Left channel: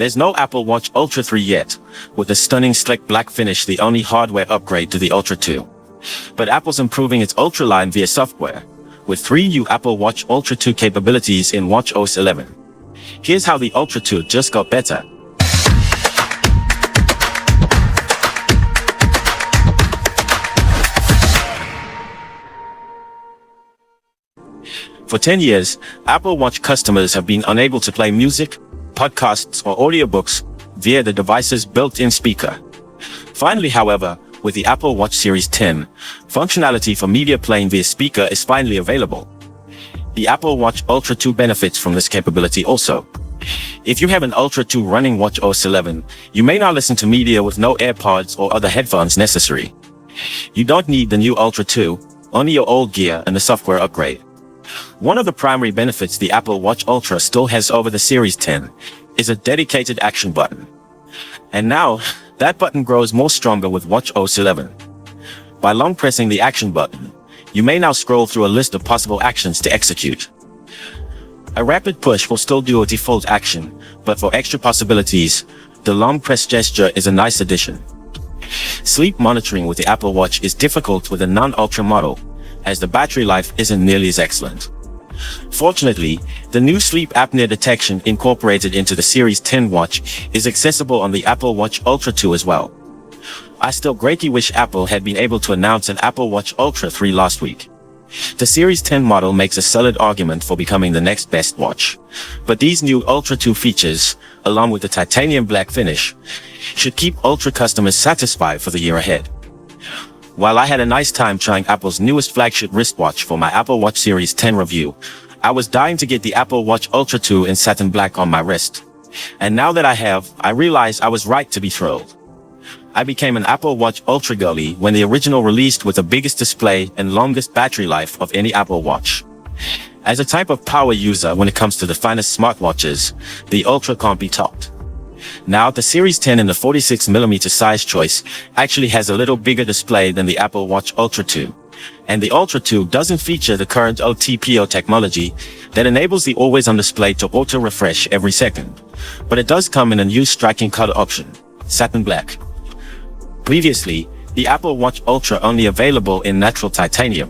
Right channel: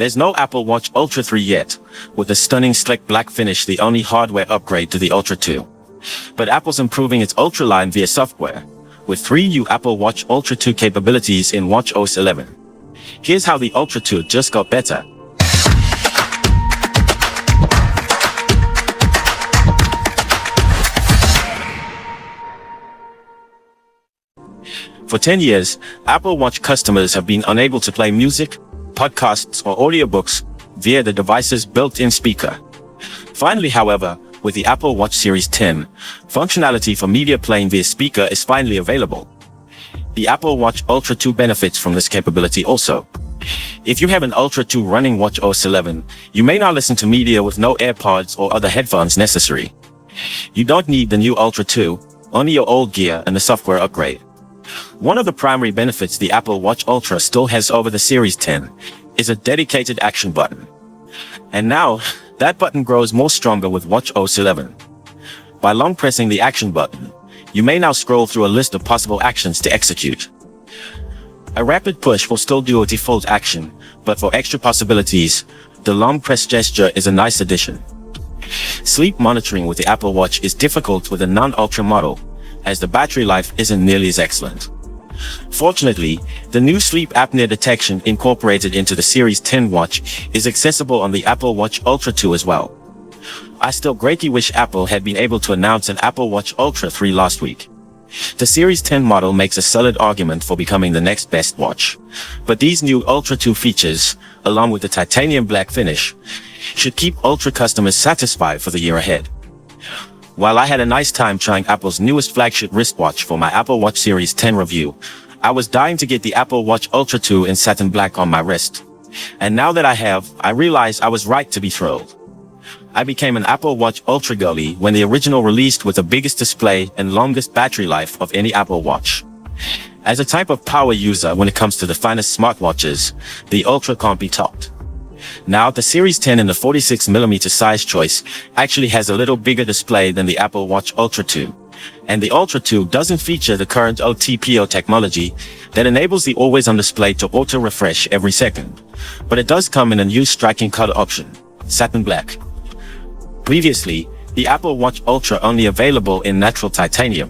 There's no Apple Watch Ultra 3 yet, with the stunning slick black finish the only hardware upgrade to the Ultra 2. But Apple's improving its Ultra line via software, with 3 new Apple Watch Ultra 2 capabilities in watchOS 11. Here's how the Ultra 2 just got better. For 10 years, Apple Watch customers have been unable to play music, podcasts, or audiobooks via the device's built-in speaker. Finally, however, with the Apple Watch Series 10, functionality for media playing via speaker is finally available. The Apple Watch Ultra 2 benefits from this capability also. If you have an Ultra 2 running watchOS 11, you may not listen to media with no AirPods or other headphones necessary. You don't need the new Ultra 2, only your old gear and the software upgrade. One of the primary benefits the Apple Watch Ultra still has over the Series 10 is a dedicated action button. And now, that button grows more stronger with watchOS 11. By long pressing the action button, you may now scroll through a list of possible actions to execute. A rapid push will still do a default action, but for extra possibilities, the long press gesture is a nice addition. Sleep monitoring with the Apple Watch is difficult with a non-Ultra model, as the battery life isn't nearly as excellent. Fortunately, the new sleep apnea detection incorporated into the Series 10 watch is accessible on the Apple Watch Ultra 2 as well. I still greatly wish Apple had been able to announce an Apple Watch Ultra 3 last week. The Series 10 model makes a solid argument for becoming the next best watch, but these new Ultra 2 features, along with the titanium black finish, should keep Ultra customers satisfied for the year ahead. While I had a nice time trying Apple's newest flagship wristwatch for my Apple Watch Series 10 review, I was dying to get the Apple Watch Ultra 2 in satin black on my wrist. And now that I have, I realize I was right to be thrilled. I became an Apple Watch Ultra girly when the original released with the biggest display and longest battery life of any Apple Watch. As a type of power user when it comes to the finest smartwatches, the Ultra can't be topped. Now, the Series 10 in the 46mm size choice actually has a little bigger display than the Apple Watch Ultra 2. And the Ultra 2 doesn't feature the current OTPO technology that enables the always-on display to auto-refresh every second. But it does come in a new striking color option, satin black. Previously, the Apple Watch Ultra only available in natural titanium.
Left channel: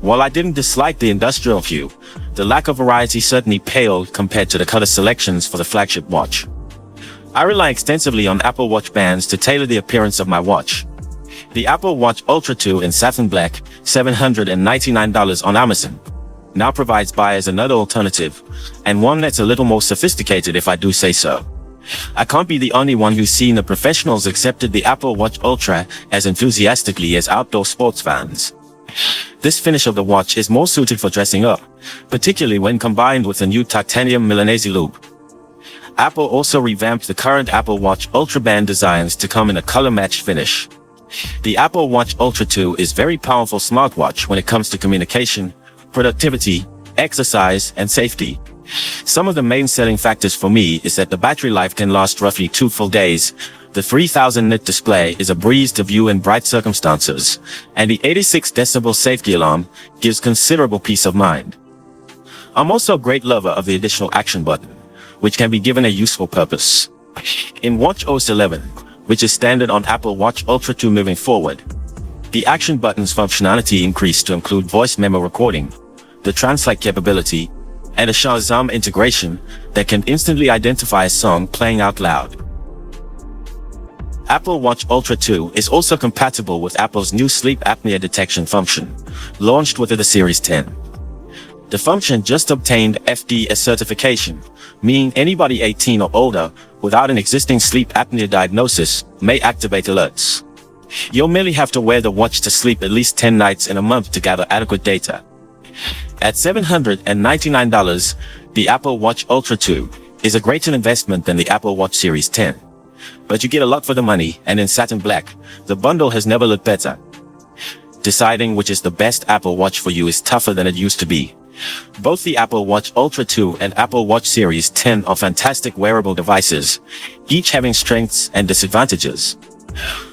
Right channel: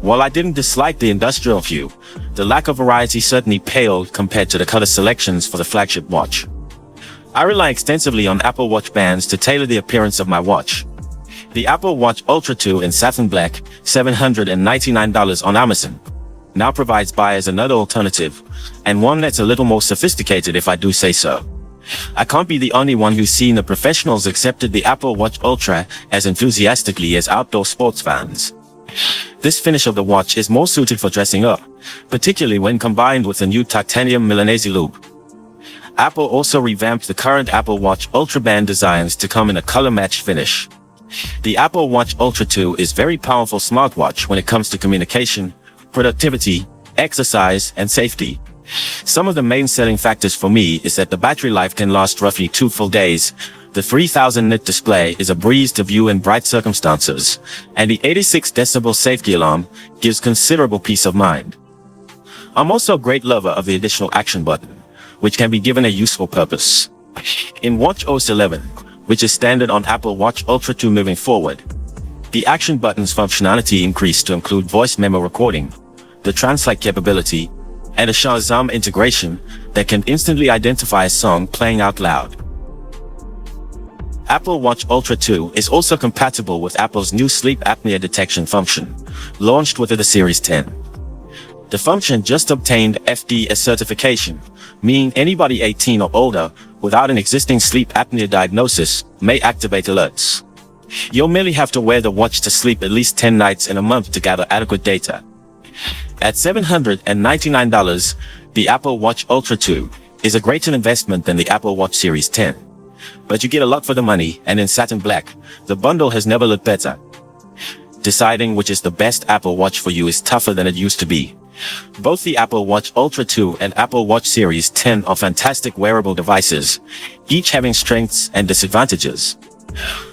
While I didn't dislike the industrial hue, the lack of variety certainly paled compared to the color selections for the flagship watch. I rely extensively on Apple Watch bands to tailor the appearance of my watch. The Apple Watch Ultra 2 in satin black, $799 on Amazon, now provides buyers another alternative, and one that's a little more sophisticated if I do say so. I can't be the only one who's seen the professionals accepted the Apple Watch Ultra as enthusiastically as outdoor sports fans. This finish of the watch is more suited for dressing up, particularly when combined with the new titanium Milanese loop. Apple also revamped the current Apple Watch Ultra band designs to come in a color-matched finish. The Apple Watch Ultra 2 is a very powerful smartwatch when it comes to communication, productivity, exercise, and safety. Some of the main selling factors for me is that the battery life can last roughly 2 full days. The 3000 nit display is a breeze to view in bright circumstances, and the 86 decibel safety alarm gives considerable peace of mind. I'm also a great lover of the additional action button, which can be given a useful purpose. In watchOS 11, which is standard on Apple Watch Ultra 2 moving forward, the action button's functionality increased to include voice memo recording, the translate capability, and a Shazam integration that can instantly identify a song playing out loud. Apple Watch Ultra 2 is also compatible with Apple's new sleep apnea detection function, launched with the Series 10. The function just obtained FDA certification, meaning anybody 18 or older without an existing sleep apnea diagnosis may activate alerts. You'll merely have to wear the watch to sleep at least 10 nights in a month to gather adequate data. At $799, the Apple Watch Ultra 2 is a greater investment than the Apple Watch Series 10. But you get a lot for the money, and in satin black, the bundle has never looked better. Deciding which is the best Apple Watch for you is tougher than it used to be. Both the Apple Watch Ultra 2 and Apple Watch Series 10 are fantastic wearable devices, each having strengths and disadvantages.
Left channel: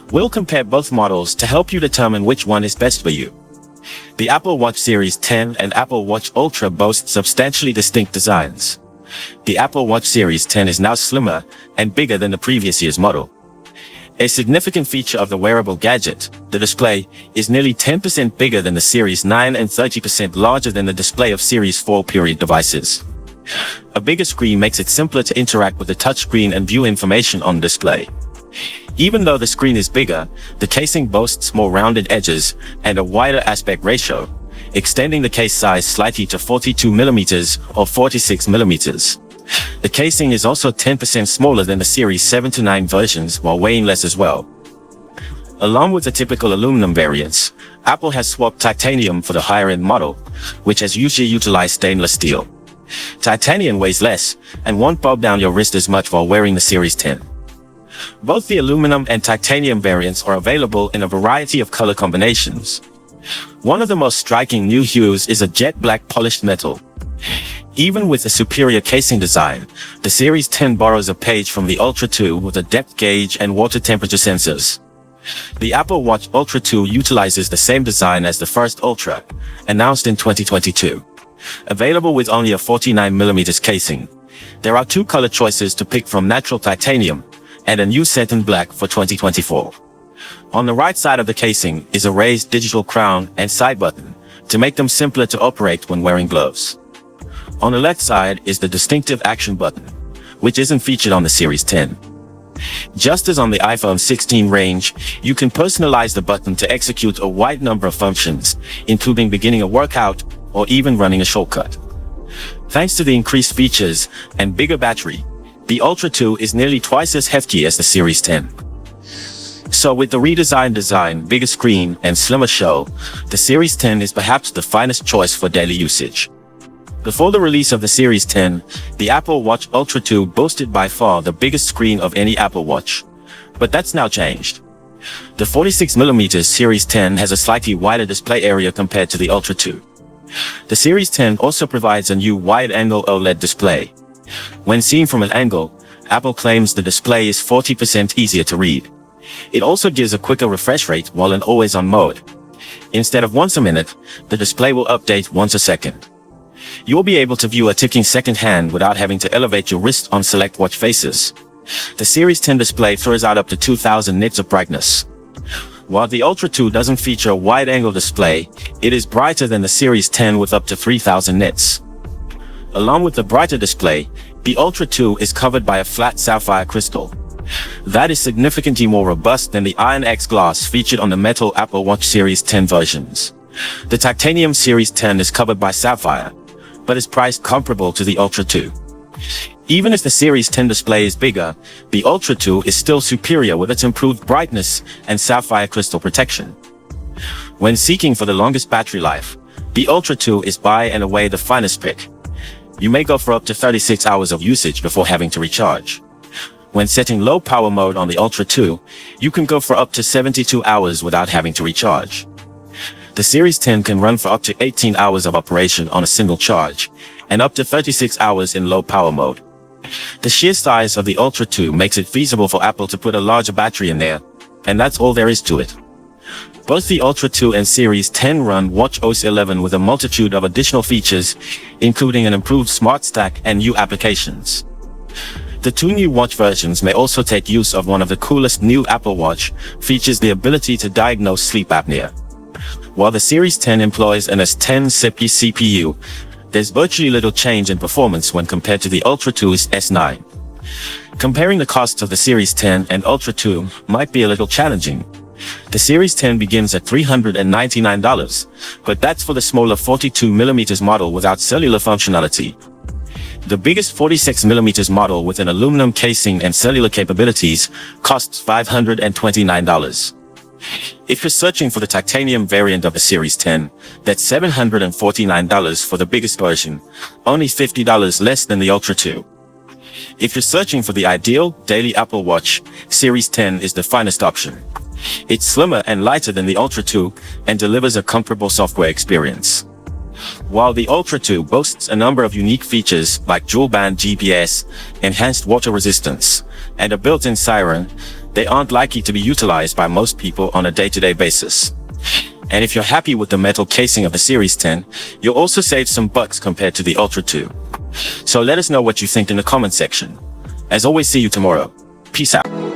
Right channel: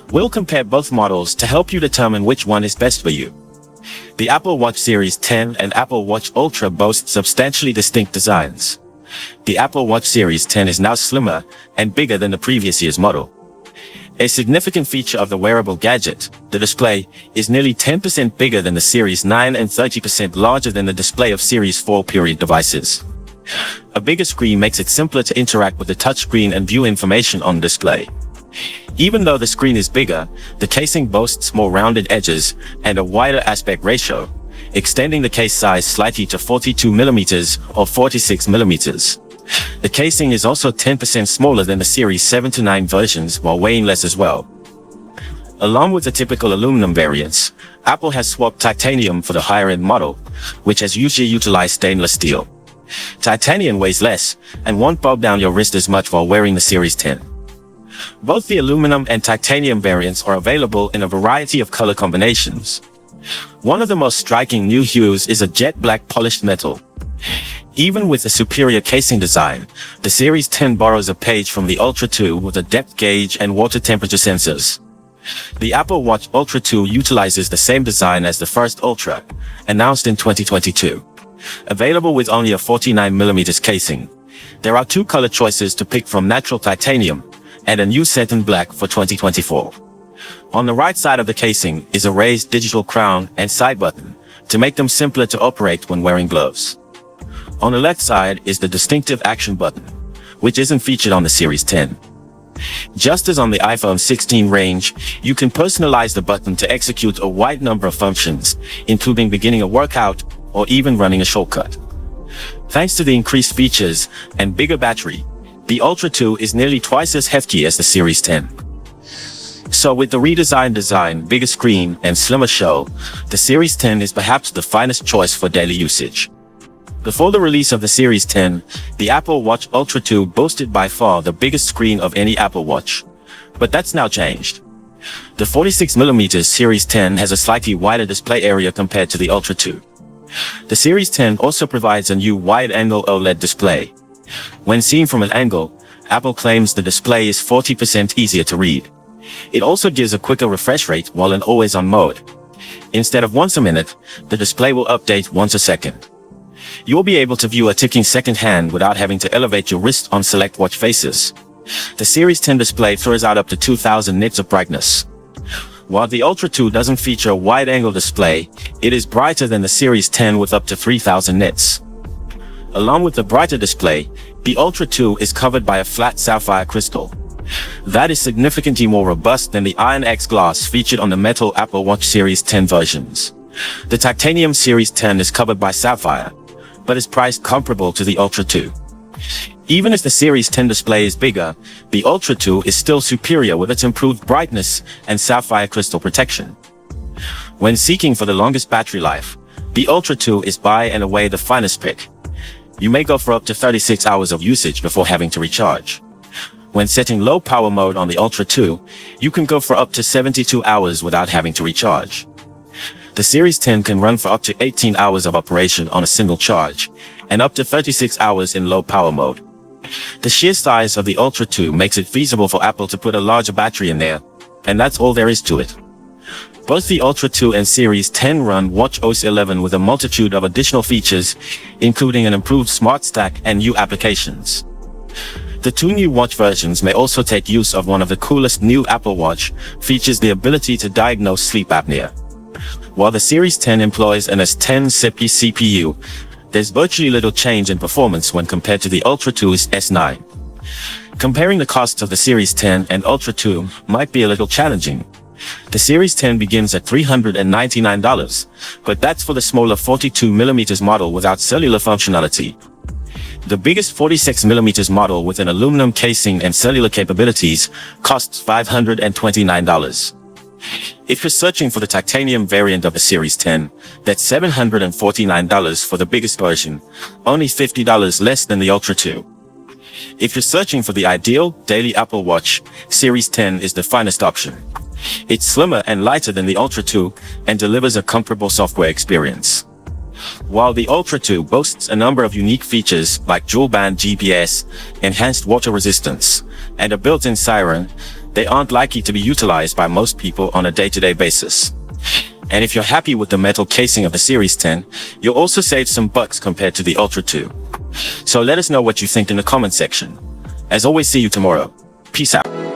We'll compare both models to help you determine which one is best for you. The Apple Watch Series 10 and Apple Watch Ultra boast substantially distinct designs. The Apple Watch Series 10 is now slimmer and bigger than the previous year's model. A significant feature of the wearable gadget, the display, is nearly 10% bigger than the Series 9 and 30% larger than the display of Series 4 period devices. A bigger screen makes it simpler to interact with the touchscreen and view information on display. Even though the screen is bigger, the casing boasts more rounded edges and a wider aspect ratio, extending the case size slightly to 42mm or 46mm. The casing is also 10% smaller than the Series 7 to 9 versions while weighing less as well. Along with the typical aluminum variants, Apple has swapped titanium for the higher-end model, which has usually utilized stainless steel. Titanium weighs less and won't bob down your wrist as much while wearing the Series 10. Both the aluminum and titanium variants are available in a variety of color combinations. One of the most striking new hues is a jet black polished metal. Even with the superior casing design, the Series 10 borrows a page from the Ultra 2 with a depth gauge and water temperature sensors. The Apple Watch Ultra 2 utilizes the same design as the first Ultra, announced in 2022. Available with only a 49mm casing. There are two color choices to pick from: natural titanium and a new satin black for 2024. On the right side of the casing is a raised digital crown and side button to make them simpler to operate when wearing gloves. On the left side is the distinctive action button, which isn't featured on the Series 10. Just as on the iPhone 16 range, you can personalize the button to execute a wide number of functions, including beginning a workout or even running a shortcut. Thanks to the increased features and bigger battery, the Ultra 2 is nearly twice as hefty as the Series 10. So with the redesigned design, bigger screen, and slimmer show, the Series 10 is perhaps the finest choice for daily usage. Before the release of the Series 10, the Apple Watch Ultra 2 boasted by far the biggest screen of any Apple Watch. But that's now changed. The 46mm Series 10 has a slightly wider display area compared to the Ultra 2. The Series 10 also provides a new wide-angle OLED display. When seen from an angle, Apple claims the display is 40% easier to read. It also gives a quicker refresh rate while in always-on mode. Instead of once a minute, the display will update once a second. You'll be able to view a ticking second hand without having to elevate your wrist on select watch faces. The Series 10 display throws out up to 2000 nits of brightness. While the Ultra 2 doesn't feature a wide-angle display, it is brighter than the Series 10 with up to 3000 nits. Along with the brighter display, the Ultra 2 is covered by a flat sapphire crystal. That is significantly more robust than the Iron X glass featured on the metal Apple Watch Series 10 versions. The titanium Series 10 is covered by sapphire, but is priced comparable to the Ultra 2. Even if the Series 10 display is bigger, the Ultra 2 is still superior with its improved brightness and sapphire crystal protection. When seeking for the longest battery life, the Ultra 2 is by and away the finest pick. You may go for up to 36 hours of usage before having to recharge. When setting low power mode on the Ultra 2, you can go for up to 72 hours without having to recharge. The Series 10 can run for up to 18 hours of operation on a single charge, and up to 36 hours in low power mode. The sheer size of the Ultra 2 makes it feasible for Apple to put a larger battery in there, and that's all there is to it. Both the Ultra 2 and Series 10 run watchOS 11 with a multitude of additional features, including an improved Smart Stack and new applications. The two new watch versions may also take use of one of the coolest new Apple Watch features, the ability to diagnose sleep apnea. While the Series 10 employs an S10 CPU, there's virtually little change in performance when compared to the Ultra 2's S9. Comparing the costs of the Series 10 and Ultra 2 might be a little challenging. The Series 10 begins at $399, but that's for the smaller 42mm model without cellular functionality. The biggest 46mm model with an aluminum casing and cellular capabilities costs $529. If you're searching for the titanium variant of the Series 10, that's $749 for the biggest version, only $50 less than the Ultra 2. If you're searching for the ideal daily Apple Watch, Series 10 is the finest option. It's slimmer and lighter than the Ultra 2 and delivers a comparable software experience. While the Ultra 2 boasts a number of unique features like dual-band GPS, enhanced water resistance, and a built-in siren, they aren't likely to be utilized by most people on a day-to-day basis. And if you're happy with the metal casing of the Series 10, you'll also save some bucks compared to the Ultra 2. So let us know what you think in the comment section. As always, see you tomorrow. Peace out.